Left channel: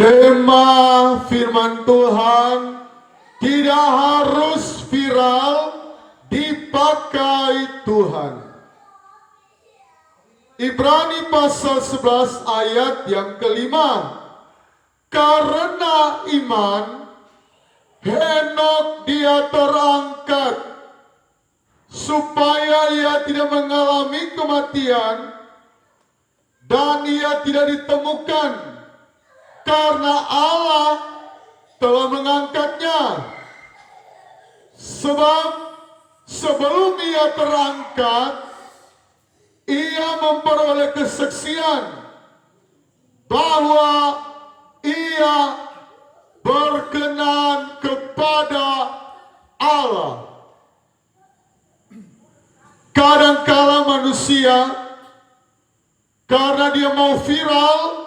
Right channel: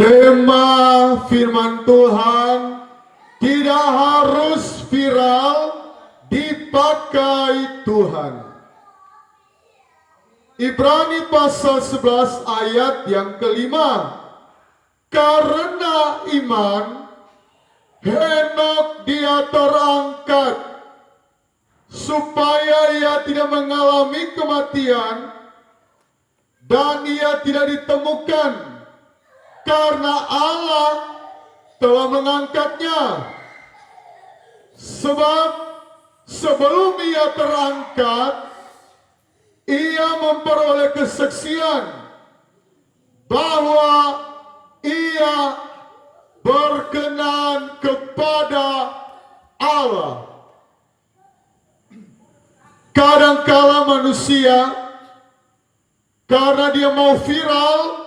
Tema firman Tuhan tidak harus viral, dipakai Tuhan. Ibrani pasal 11 ayat yang kelima. Karena iman, Henok dia terangkat supaya ia tidak mengalami kematian dan ia tidak ditemukan karena Allah telah mengangkatnya. Sebab sebelum ia terangkat, ia memperoleh kesaksian bahwa ia berkenan kepada Allah. Kadangkala manusia karena dia mau viral,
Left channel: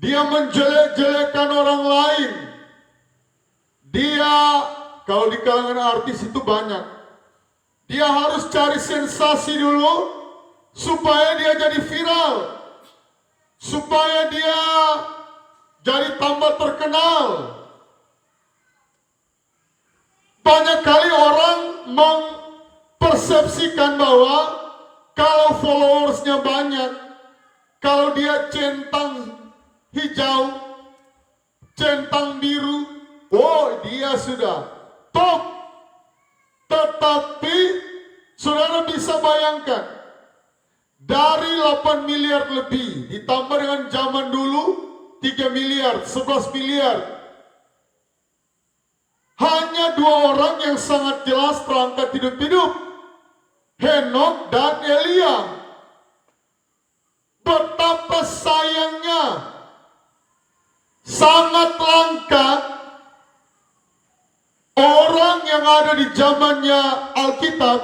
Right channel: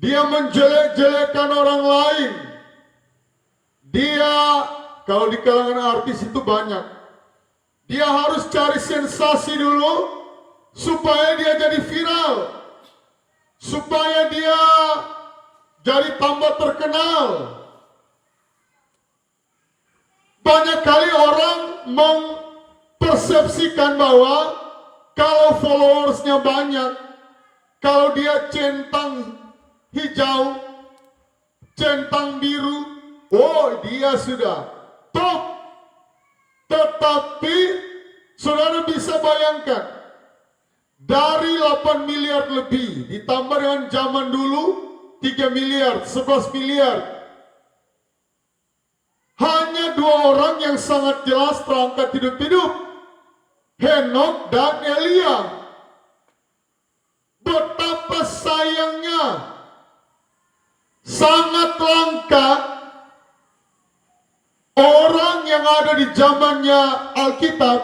dia menjelek-jelekan orang lain. Dia, kalau di kalangan artis itu banyak, dia harus cari sensasi dulu supaya dia jadi viral, supaya dia jadi tambah terkenal. Banyak kali orang mempersepsikan bahwa kalau followersnya banyak, kalau dia centang hijau, centang biru, oh dia sudah top. Tetapi saudara bisa bayangkan, dari 8 miliar lebih ditambah dengan zaman dulu 3 miliar, 11 miliar, hanya 2 orang yang sangat jelas terangkat hidup-hidup, Henok dan Elia. Betapa sayangnya, sangat langka orang yang ada di zamannya Alkitab.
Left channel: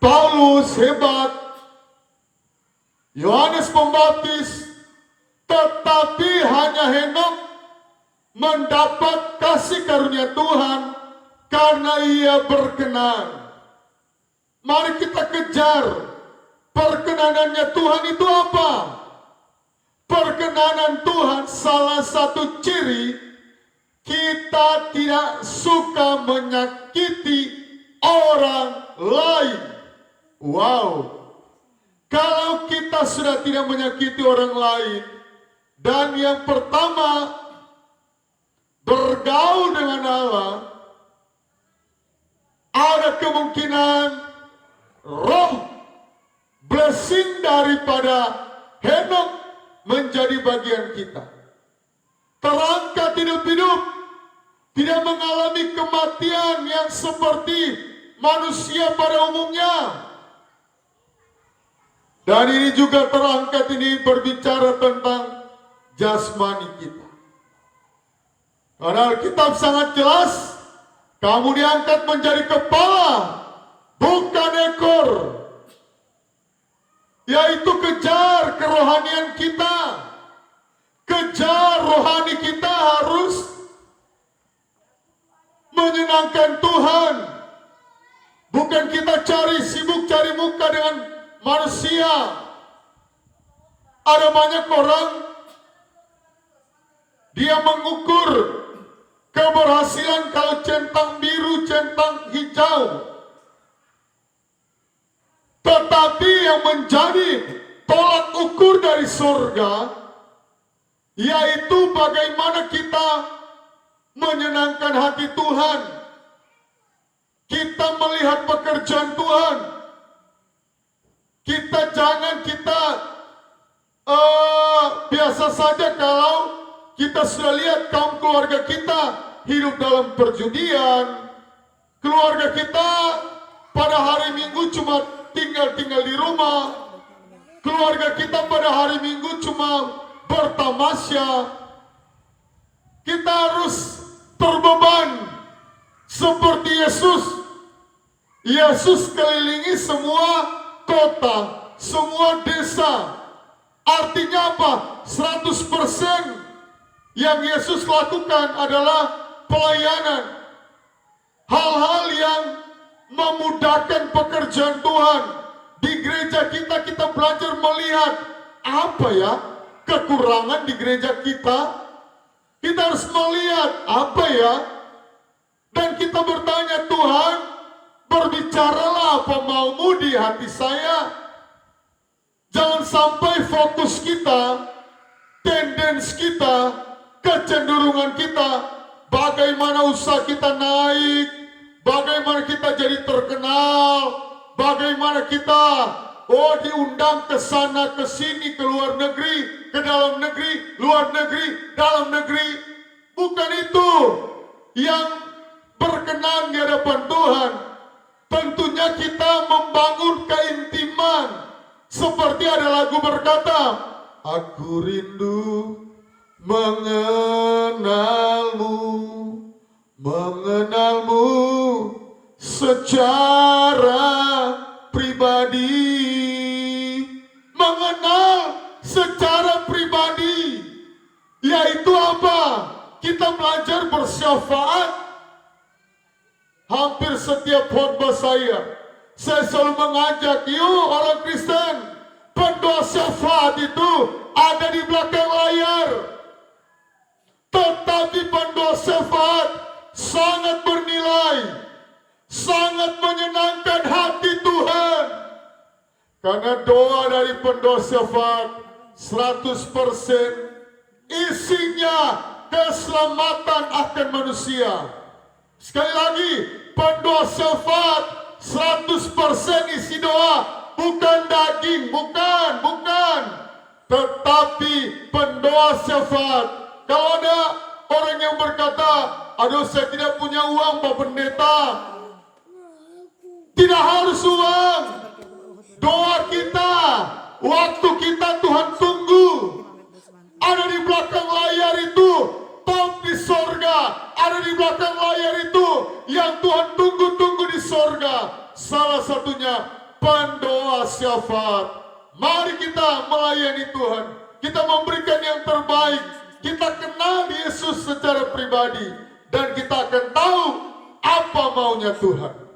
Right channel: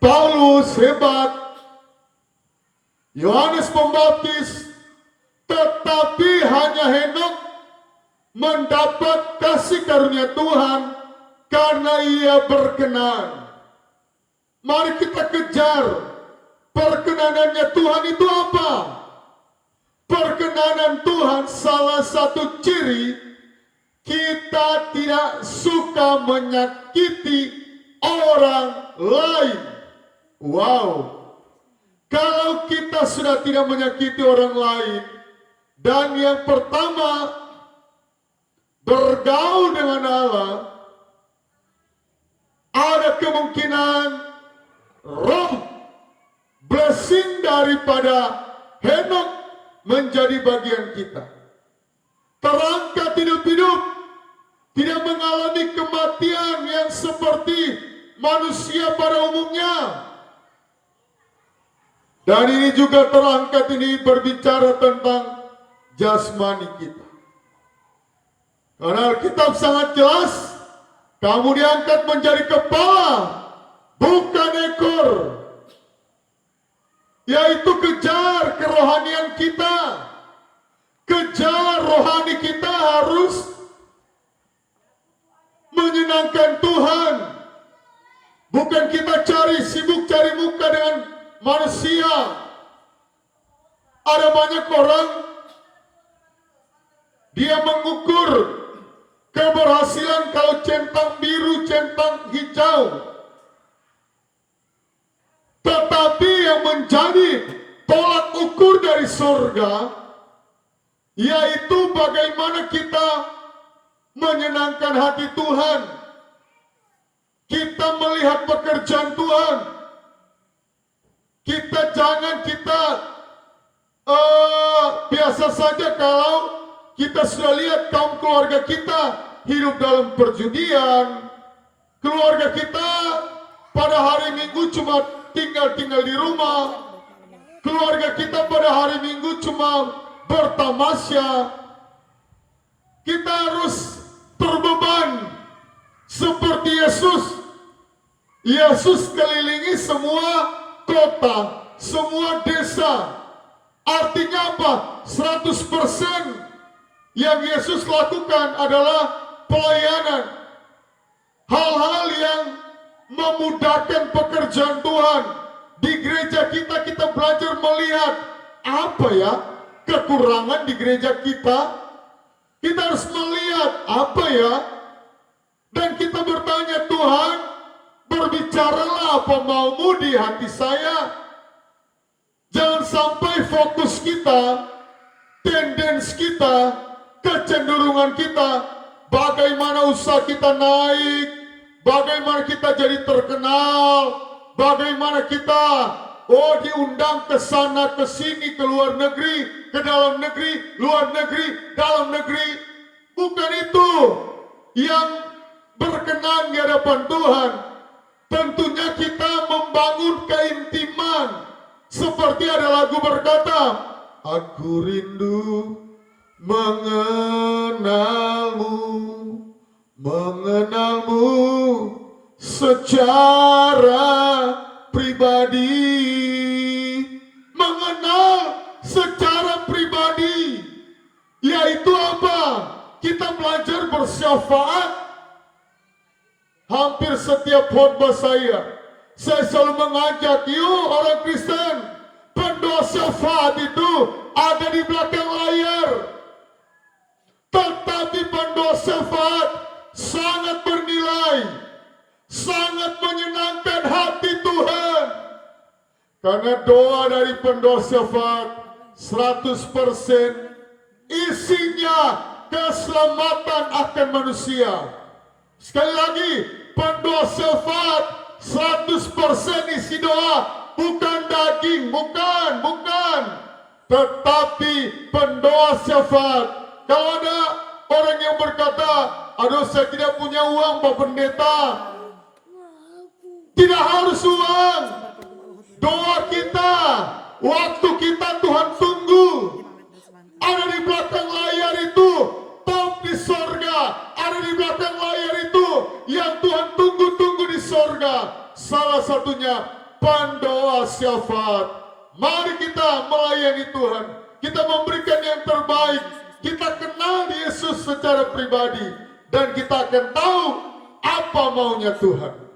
Paulus hebat, Yohanes Pembaptis, tetapi hanya Henok mendapat kasih karunia Tuhan karena ia berkenan. Mari kita kejar perkenanannya Tuhan itu apa? Perkenanan Tuhan salah satu ciri kita tidak suka menyakiti orang lain. Wow. Kalau kita sudah tidak menyakiti orang lain, dan yang pertama bergaul dengan Allah, ada kemungkinan roh blessing daripada Henok menjadi bagian kita. Terangkat hidup-hidup, tidak mengalami kematian yang seperti manusia pada umumnya. Dan ini juga terangkat ini berbicara tentang jasmani kita. Karena Alkitab sangat jelas, kamu diangkat menjadi kepala, bukan ekor. Yaitu kejar kerohanian kita. Kejar rohani kita harus menyenangkan Tuhan. Bukan kita sibuk cari muka dengan manusia. Ada banyak orang, dia mengukur keberhasilan kalau centang biru, centang hijau. Tetapi yang menjadi tolak ukur dari surga, yaitu bagaimana kita menyenangkan hati Tuhan. Kita melihat pekerjaan Tuhan. Kita biasa saja kalau kita sudah lihat kaum keluarga kita hidup dalam perjudian. Keluarga kita pada hari Minggu cuma tinggal di rumah. Keluarga kita pada hari Minggu cuma bertamasya. Kita harus terbeban seperti Yesus. Yesus kelilingi semua kota, semua desa. Artinya apa? 100% yang Yesus lakukan adalah pelayanan. Hal-hal yang memudahkan pekerjaan Tuhan. Di gereja kita belajar melihat apa ya kekurangan di gereja kita. Kita harus melihat apa ya, dan kita bertanya, Tuhan, berbicaralah apa maumu di hati saya. Jangan sampai fokus kita, tendens kita, kecenderungan kita, bagaimana usaha kita naik, bagaimana kita jadi terkenal, bagaimana kita diundang ke sana, ke sini, ke luar negeri, ke dalam negeri, luar negeri, dalam negeri. Bukan itu yang berkenan di hadapan Tuhan. Tentunya kita membangun keintiman. Seperti ada lagu berkata, aku rindu mengenalmu, mengenalmu secara pribadi. Mengenal secara pribadi, yaitu apa? Kita belajar bersyafaat. Hampir setiap khotbah saya selalu mengajak, yuk orang Kristen, pendoa syafaat itu ada di belakang layar. Tetapi pendoa syafaat sangat bernilai, sangat menyenangkan hati Tuhan. Karena doa dari pendoa syafaat 100% isinya keselamatan akan manusia. Sekali lagi, pendoa syafaat 100% isi doa, bukan daging, bukan. Tetapi pendoa syafaat. Kalau ada orang yang berkata, aduh saya tidak punya uang Pak Pendeta. Tidak harus uang. Doa kita, waktu kita Tuhan tunggu. Ada di belakang layar itu, top di sorga. Ada di belakang layar itu, yang Tuhan tunggu-tunggu di sorga. Salah satunya pendoa syafaat. Mari kita melayani Tuhan. Kita memberikan yang terbaik. Kita kenal Yesus secara pribadi. Dan kita akan tahu apa maunya Tuhan.